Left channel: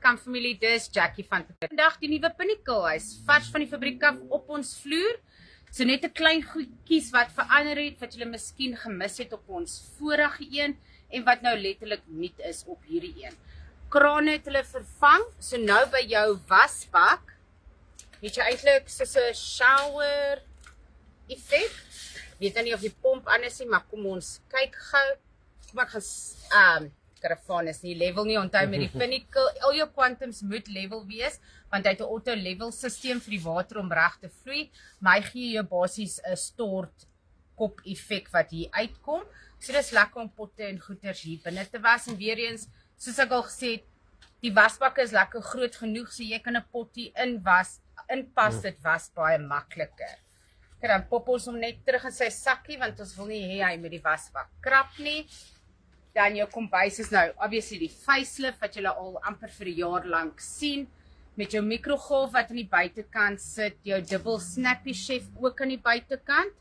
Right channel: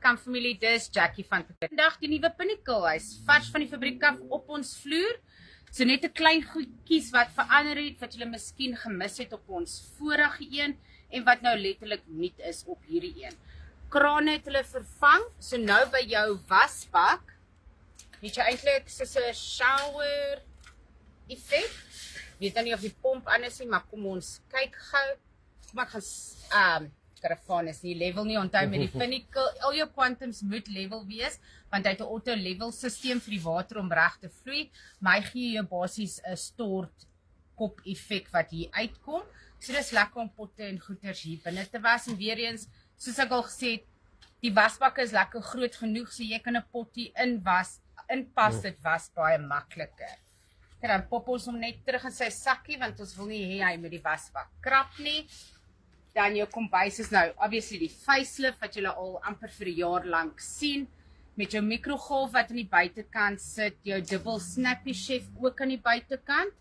Kampfamilie, dis Jackie van te vandag die nuwe Pinnacle huis, vars van die fabriek af op ons vloer. So net 'n klein goedjies wat verander het, wat julle miskien gemis het op ons vorige een en wat nou letterlik nuut is op hierdie een. Krane het hulle vervang, so nou by jou wasbak het jy eintlik soos 'n shower effek. Weet nou nie of die pomp aan is nie, maar kom ons kyk gou. Kom ek gaan karavaan is nie level nie, onthou met die Pinnacle, al jou quantums moet level wees, want hy het 'n auto level systeem vir die water om reg te vloei, maar hy gee jou basies 'n stort kop effek wat hier uitkom. So dis lekker om potte en goeders hier binne te was, en weer eens, soos ek al gesê het, die wasbak is lekker groot genoeg, so jy kan 'n pot hier inpas, dit was baie makliker. En dan pop ons hom net terug in sy sakkie, want ons wil nie hê hy met die wasbak krap nie. Dan jou kombuis is nou, obviously die facelift, wat julle al amper vir 'n jaar lank sien, met jou mikrogolf wat aan die buitekant sit, jou dubbel snappy chef ook aan die buitekant,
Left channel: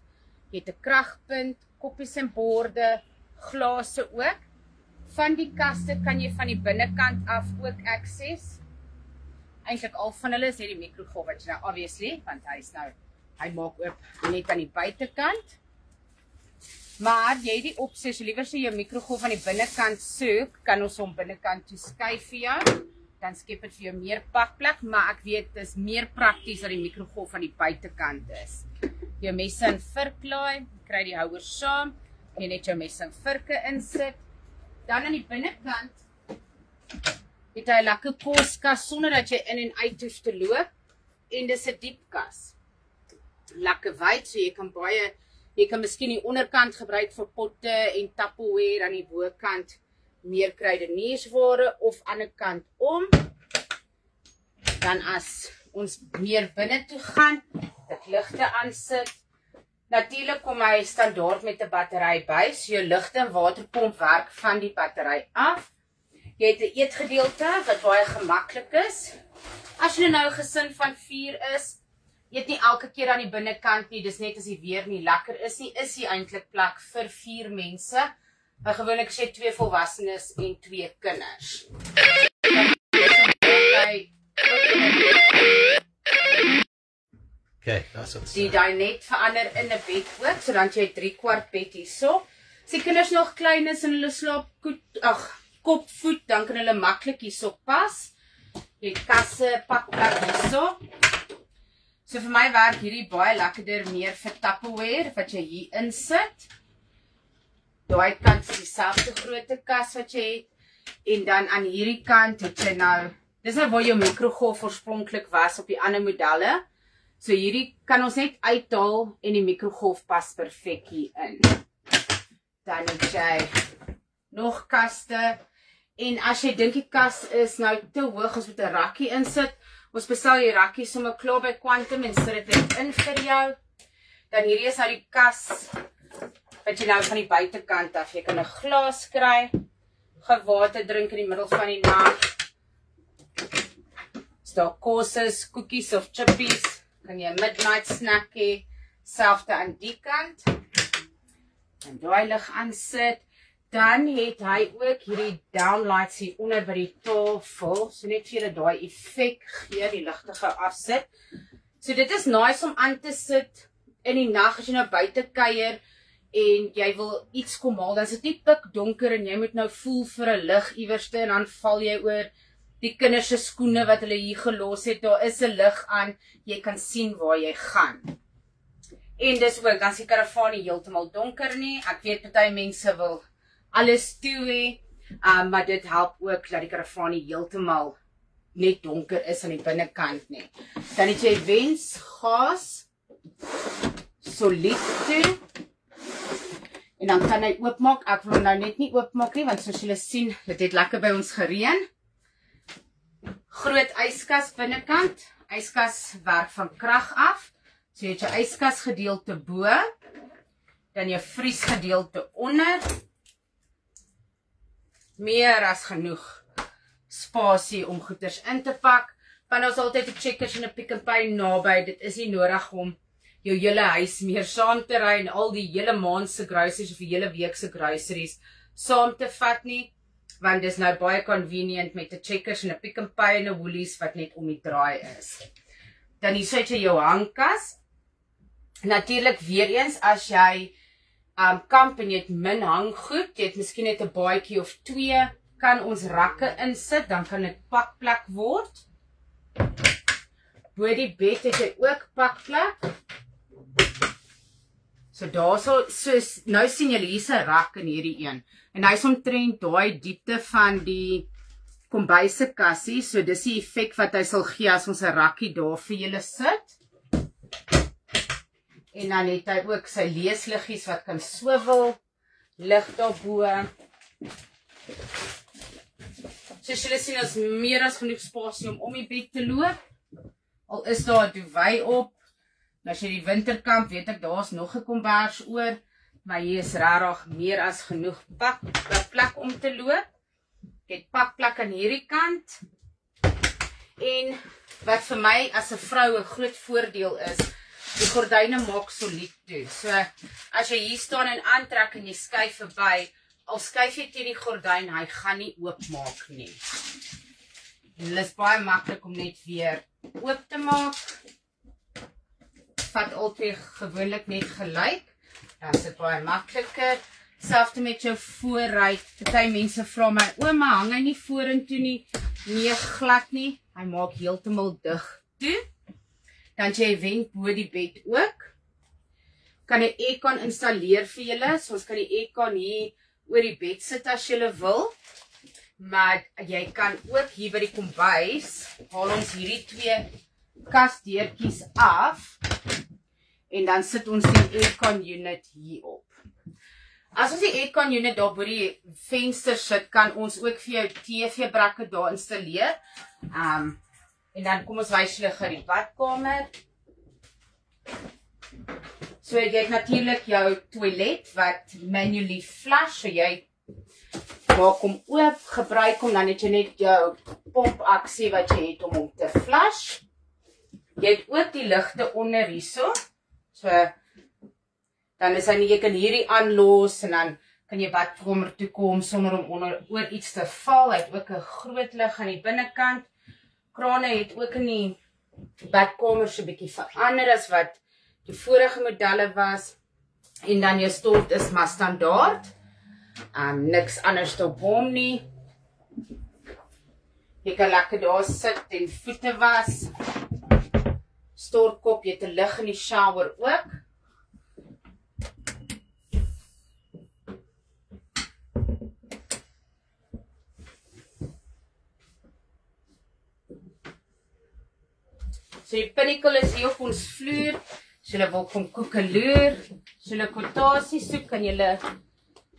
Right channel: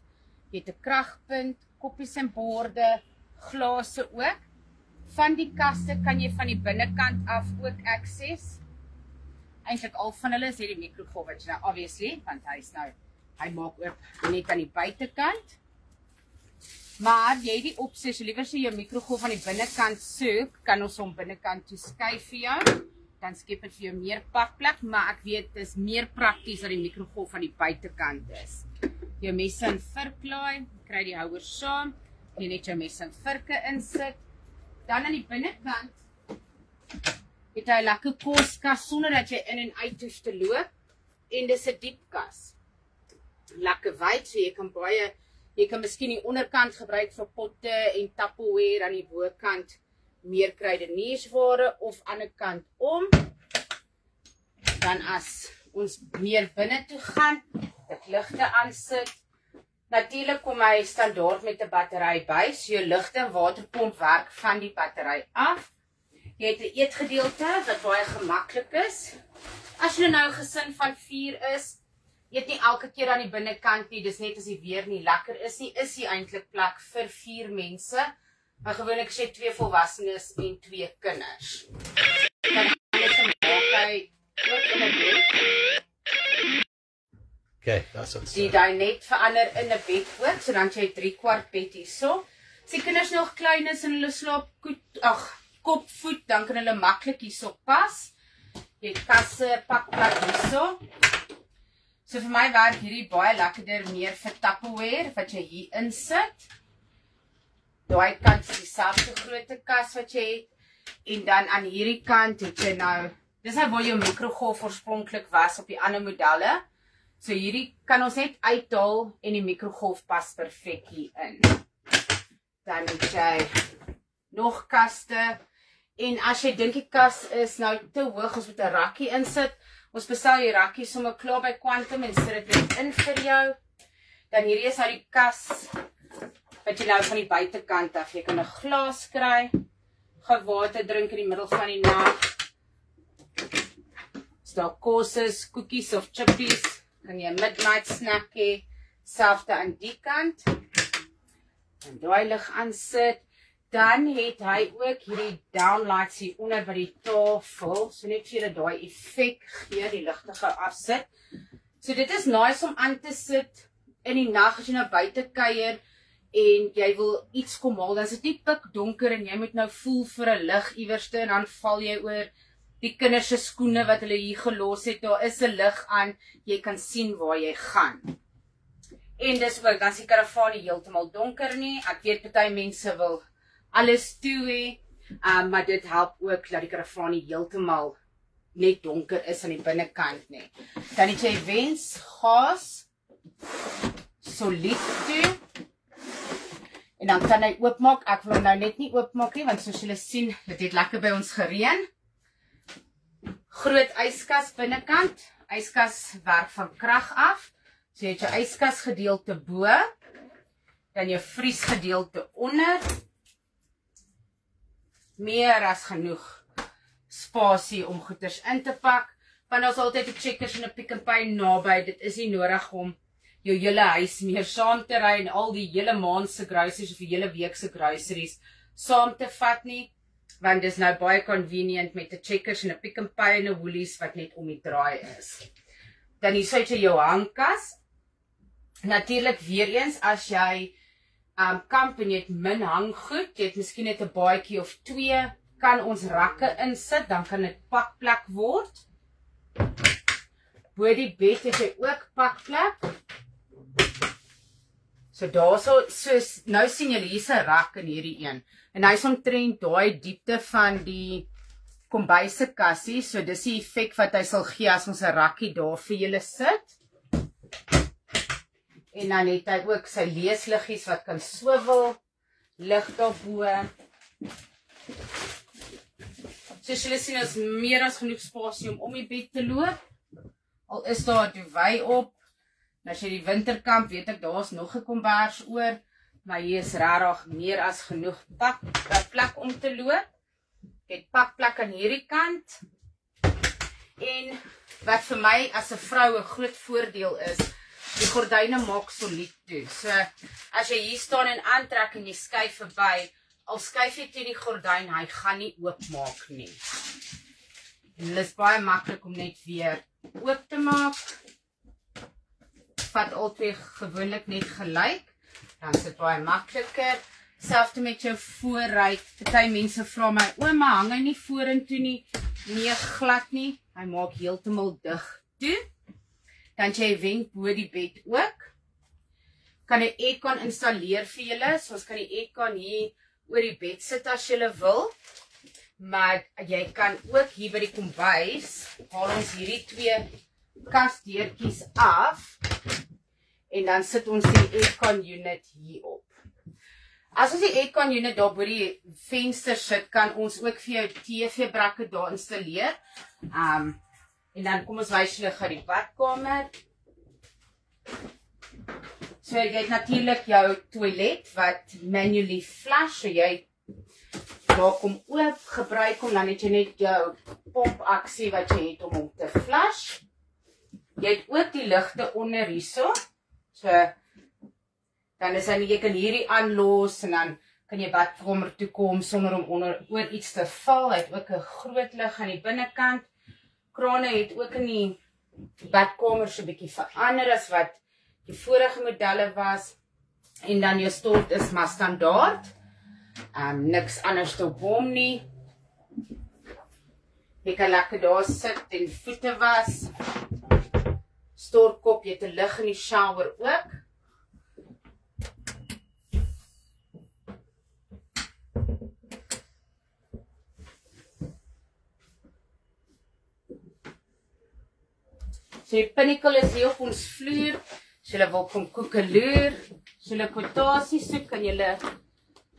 jy het 'n kragpunt, koppies en borde, glase ook. Van die kaste kan jy van die binnekant af ook access. Eintlik al van hulle is hier die mikrogolf, wat jy nou obviously, want hy maak oop net aan die buitekant. Maar jy het die opsie, as jy liewer so jou mikrogolf aan die binnekant soek, kan ons hom binnekant toe skuif vir jou. Dan skep dit vir jou meer pakplek, maar ek weet dit is meer prakties dat die mikrogolf aan die buitekant is. Jou messe en virklaai, kry die houer saam, jy net jou messe en virke insit. Dan aan die binnekant het hy 'n lekker koskas sonder dat jy in en uit hoef te loop, en dis 'n diepkas. Lekker wyd, so jy kan miskien die onderkant gebruik vir potte en Tupperware, aan die bokant meer kruideniersware of aan die kant om. Dan as ons meer binne toe gaan, dit ligte aansit. Natuurlik kom hy standaard met 'n battery by, so jou ligte en waterpomp werk van die battery af. Jy het 'n eetgedeelte wat baie gemaklik is. As jy nou 'n gesin van 4 is, eet nie elke keer aan die binnekant nie, dis net as die weer nie lekker is nie, is hier eintlik plek vir 4 mense. Maar gewoonlik sê 2 volwassenes en 2 kinders. Okay, that's what. Die net verander in 'n bed ook, so dan jy 3/4 bed hierso. As die kinders nog klein is en hulle slaap kop, voet, dan kan hulle maklik hierso pas. Jy het kasse, pakplek hierso. So vir my werk hierdie baie lekkerder meer vir Tupperware, wat jy hier insit. Daai kant is dieselfde grootte kas wat jy het, en dan aan hierdie kant het jy nou, dis nou waar jou mikrogolf oorspronklik was op die ander modelle. So hierdie kan ons net uithaal en die mikrogolf pas perfek hier in. Dan het jy nog kaste, en as jy dink die kas is nou te hoog, ons moet 'n rakkie insit, ons bestel die rakkie sommer klaar by Quantum en sit dit in vir jou. Dan hierdie is nou die kas wat jy nou van die buitekant af, jy kan 'n glas kry, gaan water drink in die middel van die nag. As daar kos is, koekies of chippies, kan jy 'n midnight snack hê, selfde aan die kant. En daai lig aansit. Dan het hy ook hierdie downlights hier onder by die tafel, so net vir julle daai effek gee, die ligte gou afsit. So dit is nice om aan te sit in die nag as jy nou buite kuier en jy wil iets kom haal, dan is dit nie pikdonker en jy moet nou voel vir 'n lig iewerste en dan val jy oor die kinders se skoene wat hulle hier gelos het. Daar is 'n lig aan, jy kan sien waar jy gaan. En dis ook, dan is die karavaan nie heeltemal donker nie. Ek weet party mense wil alles toe hê, maar dit help ook dat die karavaan nie heeltemal net donker is aan die binnekant nie. Dan het jy wens, gas, solied toe, en dan kan hy oopmaak. Ek wil hom nou net nie oopmaak nie, want soos julle sien, dit het lekker by ons gereën. Groot yskas binnekant, yskas werk van krag af, so jy het jou yskas gedeelte bo, dan jou vriesgedeelte onder, meer as genoeg spasie om goeders in te pak, want ons altyd 'n Checkers en 'n Pick n Pay naby, dit is nie nodig om jou hele huis meer saam te ry en al die hele maand se groceries of die hele week se groceries saam te vat nie. want dis nou baie convenient met 'n Checkers en 'n Pick n Pay en 'n Woolies wat net om die draai is. Dan hier sit jy jou hangkas. Natuurlik weer eens as jy kamp en jy het min hanggoed, jy het miskien net 'n baadjie of 2, kan ons rakke insit, dan kan dit pakplek word. Bo die bed het jy ook pakplek. So daarso, soos nou sien julle hier's 'n rak in hierdie een. En hy's omtrent daai diepte van die kombuise kassie, so dis die effek wat hy sal gee as ons 'n rakkie daar vir julle sit. En dan het hy ook sy leesliggies wat kan swivel, lig daarbo. Soos julle sien, is meer as genoeg spasie om die bed te loop. Al is daar 'n duvet op. Nou as jy die winterkamp, weet ek daar's nog 'n kombers oor, maar hier is regtig meer as genoeg plek om te loop. Ek het pakplek aan hierdie kant. En wat vir my as 'n vrou 'n groot voordeel is, die gordyne maak solied toe. So as jy hier staan en aantrek en jy skuif verby, al skuif jy teen die gordyn, hy gaan nie oopmaak nie. En dit is baie maklik om net weer oop te maak. Vat altyd gewoonlik net gelyk, dan is dit baie makliker. Selfs met jou voorruit. Party mense vra my, ouma, hang hy nie vorentoe nie? Nee, glad nie. Hy maak heeltemal dig toe. Dan jy wenk bo die bed ook. Kan 'n aircon installeer vir julle. So ons kan die aircon hier oor die bed sit as julle wil. Maar jy kan ook hier by die kombuis, haal ons hierdie 2 kasdeurtjies af. En dan sit ons die aircon unit hier op. As ons die aircon unit daar by die venster sit, kan ons ook vir jou TV-brakke daar installeer. En dan kom ons wys julle gou die badkamer. So jy het natuurlik jou toilet wat manually flush, so jy maak hom oop, gebruik hom, dan het jy net jou pompaksie wat jy het om hom te flush. Jy het ook die ligte onder hierso. So dan is hy nie, jy kan hierdie aanlos en dan kan jy badkamer toe kom sonder om oor iets te val. Hy het ook 'n groot lig aan die binnekant. Krane het ook in die badkamer so 'n bietjie verander as wat die vorige modelle was. En dan jou stort is maar standaard. Niks anders op hom nie. Jy kan lekker daar sit en voete was. Stortkop, jy het 'n lig in die shower ook. So die pinnacle is hier op ons vloer. As julle wil kom koekeloer, as julle kwotasie soek, kan julle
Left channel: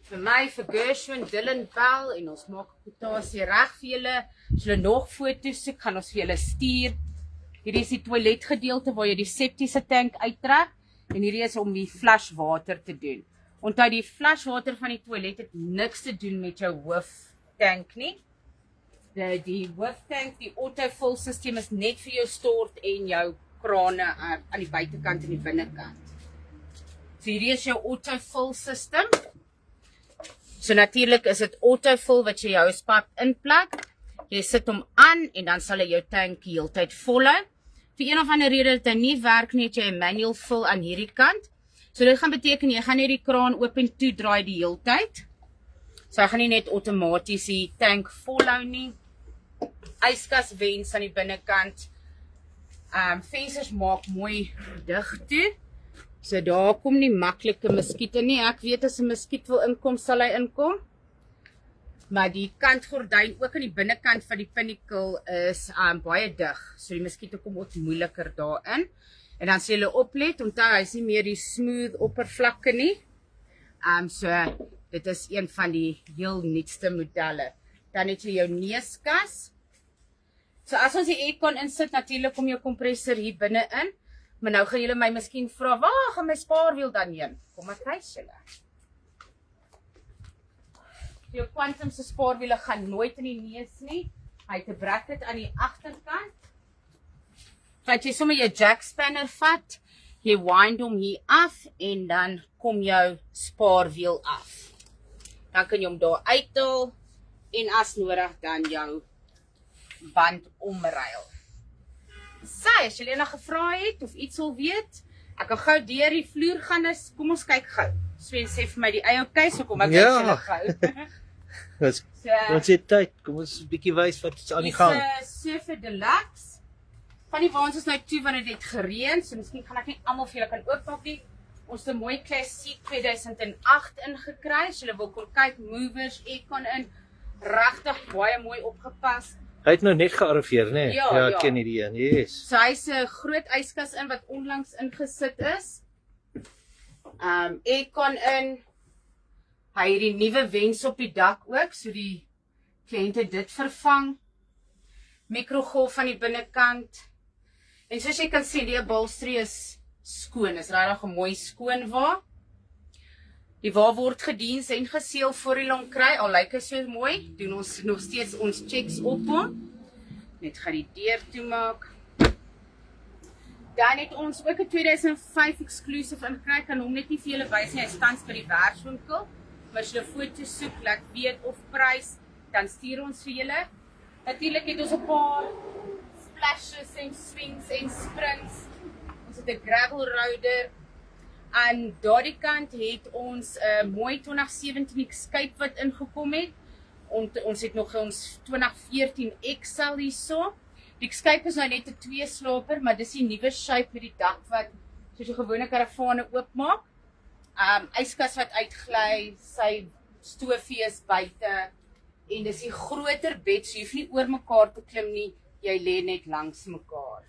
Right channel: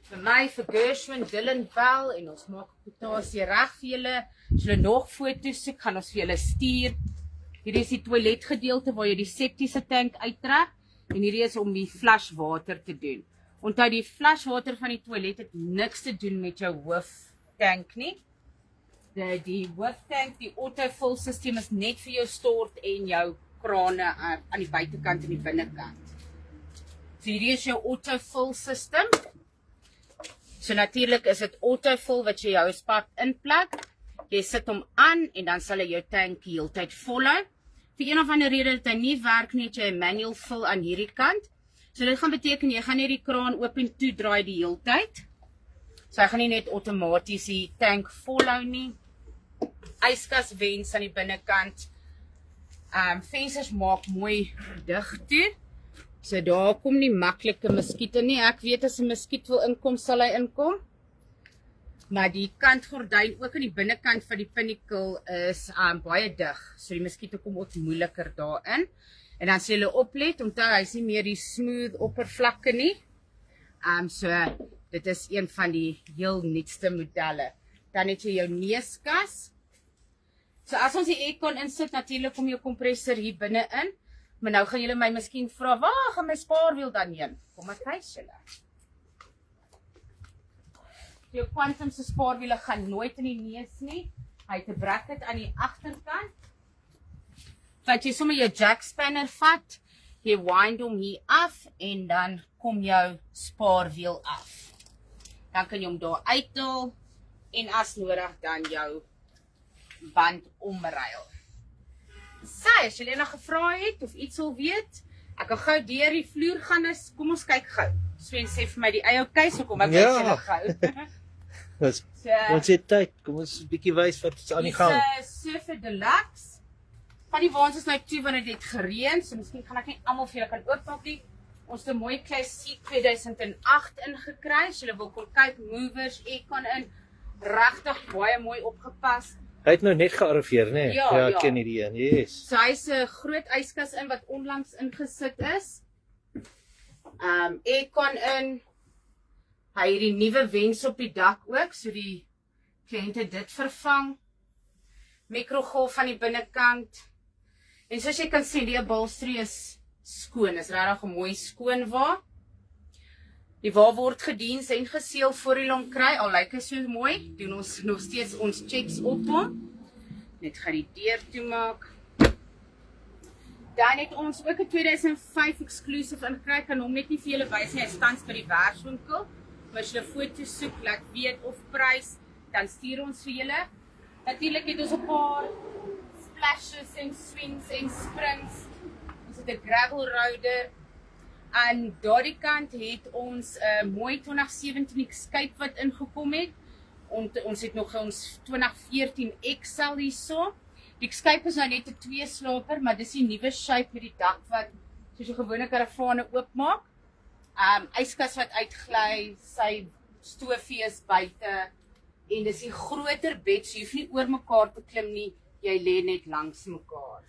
vir my, vir Gershwin, Dylan bel en ons maak kwotasie reg vir julle. As julle nog foto's soek, gaan ons vir julle stuur. Hierdie is die toiletgedeelte waar jy die septiese tank uittrek en hierdie is om die flashwater te doen. Onthou die flashwater van die toilet het niks te doen met jou hooftank nie. Die hooftank, die autofill system is net vir jou stort en jou krane aan die buitekant en die binnekant. So hierdie is jou autofill system. So natuurlik is dit autofill wat jy jou spat inplak. Jy sit hom aan en dan sal hy jou tank die hele tyd volhou. Vir een of ander rede dat hy nie werk nie, het jy 'n manual fill aan hierdie kant. So dit gaan beteken jy gaan net die kraan oop en toe draai die hele tyd. So hy gaan nie net outomaties die tank volhou nie. Yskas wens aan die binnekant. Vensters maak mooi dig toe. So daar kom nie maklike muskiete nie. Ek weet as 'n muskiet wil inkom, sal hy inkom. Maar die kantgordyn ook aan die binnekant van die pinnacle is baie dig. So die muskiete kom ook moeiliker daarin. En dan sê hulle oplet, onthou hy is nie meer die smooth oppervlakke nie. So dit is een van die heel nuutste modelle. Dan het jy jou neuskas. So as ons die aircon insit, natuurlik kom jou kompressor hier binne in. Maar nou gaan julle my miskien vra, waar gaan my spaarwiel dan heen? Kom ek wys julle. Jou Quantum se spaarwiele gaan nooit in die neus nie. Hy het 'n bracket aan die agterkant. Wat jy sommer jou jack spanner vat, jy wind hom hier af en dan kom jou spaarwiel af. Dan kan jy hom daar uithaal en as nodig dan jou band omruil. As julle nog gevra het of iets wil weet, ek kan gou deur die vloer gaan, kom ons kyk gou. Sven sê vir my die eie okay, so kom ek kyk julle gou. Ons het tyd, kom ons 'n bietjie wys wat is aan die gang. Dis 'n Sofa Deluxe. Van die waans is nou toe want dit het gereën, so miskien gaan ek nie almal vir julle kan oopmaak nie. Ons het 'n mooi klassiek 2008 ingekry. As julle wil kom kyk, movers, aircon in, regtig baie mooi opgepas. Hy het nou net gearriveer, né? Nee? Ja, ek ken hierdie een. Yes. So hy's 'n groot yskas in wat onlangs ingesit is. Aircon in. Hy het die nuwe wens op die dak ook, so die kliënte dit vervang. Mikrogolf van die binnekant. En soos jy kan sien, die upholstery is skoon. Is regtig 'n mooi skoon wa. Die wa word gediens en geseël voor jy hom kry. Al lyk hy so mooi, doen ons nog steeds ons checks op hom. Net gaan die deur toemaak. Dan het ons ook 'n 2005 exclusive ingekry. Kan hom net nie vir julle wys nie. Hy staan by die werkswinkel. Maar as julle foto's soek, laat weet of prys, dan stuur ons vir julle. Natuurlik het ons 'n paar splashes en swings en springs. Ons het 'n gravel roader. Aan daardie kant het ons 'n mooi 2017 Escape wat ingekom het. Ons het nog ons 2014 XL hierso. Die Escape is nou net 'n 2-slaper, maar dis die nuwe shape met die dak wat soos 'n gewone karavane oopmaak. Yskas wat uitgly, sy stofie is buite en dis die groter bed, so jy hoef nie oor mekaar te klim nie, jy lê net langs mekaar.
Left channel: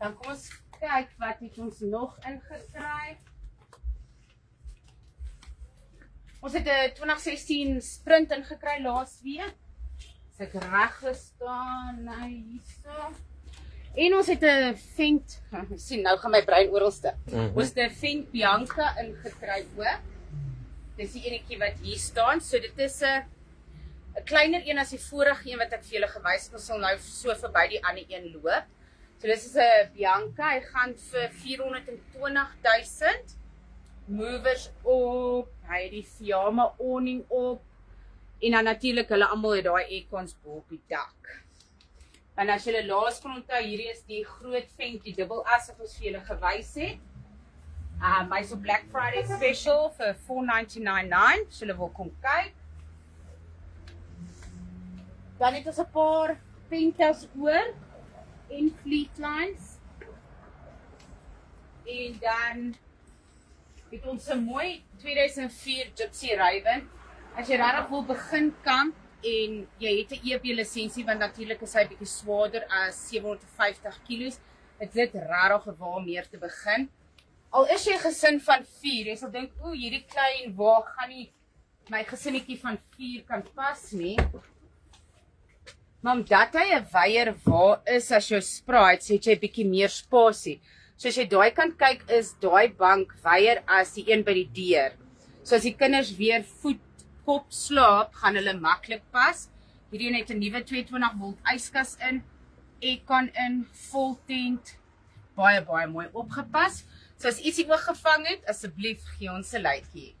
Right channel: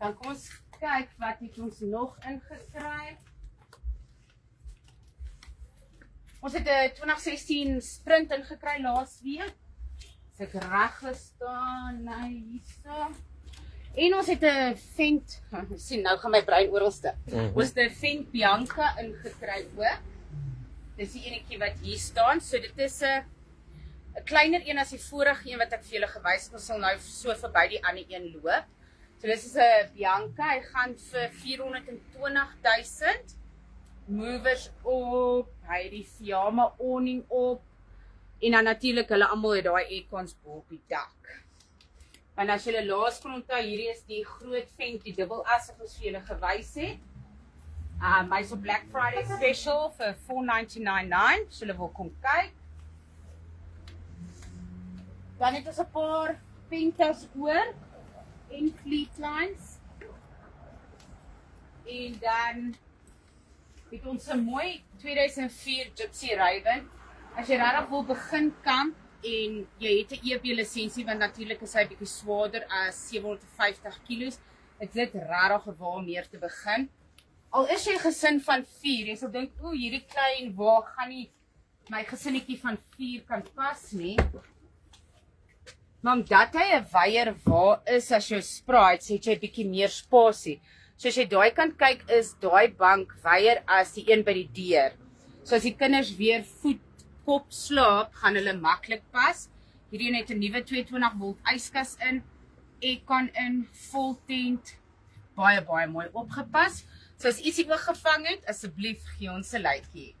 Dan kom ons kyk wat het ons nog ingekry. Ons het 'n 2016 Sprint ingekry laas week. As ek reg gestaan, hierso. En ons het 'n Fendt, sien nou gaan my brein oralste. Ons het 'n Fendt Bianca ingekry ook. Dis die enetjie wat hier staan. So dit is 'n kleiner een as die vorige een wat ek vir julle gewys het. Ons sal nou so verby die ander een loop. So dis is 'n Bianca. Hy gaan vir 420.000. Movers op, hy het die Fiamma awning op. En dan natuurlik hulle almal het daai aircons bo op die dak. En as julle laas kon onthou, hierdie is die groot Fendt, die dubbel as wat ons vir julle gewys het. Hy's op Black Friday special vir $499.9. As julle wil kom kyk. Dan het ons 'n paar Pentas oor en Fleetlines. En dan het ons 'n mooi 2004 Gypsy Raven. As jy regtig wil begin kamp en jy het 'n EB lisensie, want natuurlik is hy bietjie swaarder as 750 kg, is dit regtig waar meer te begin. Al is jy 'n gesin van 4, jy sal dink, o, hierdie klein wa gaan nie my gesinnetjie van 4 kan pas nie. Maar omdat hy 'n weier wa is as jou spraai, so het jy bietjie meer spasie. So as jy daai kan kyk, is daai bank weier as die een by die deur. So as die kinders weer voet kop slaap, gaan hulle maklik pas. Hierdie een het 'n nuwe 22 volt yskas in, aircon in, vol tent, baie mooi opgepas. So as ietsie oorgevang het, asseblief gee ons 'n likeie.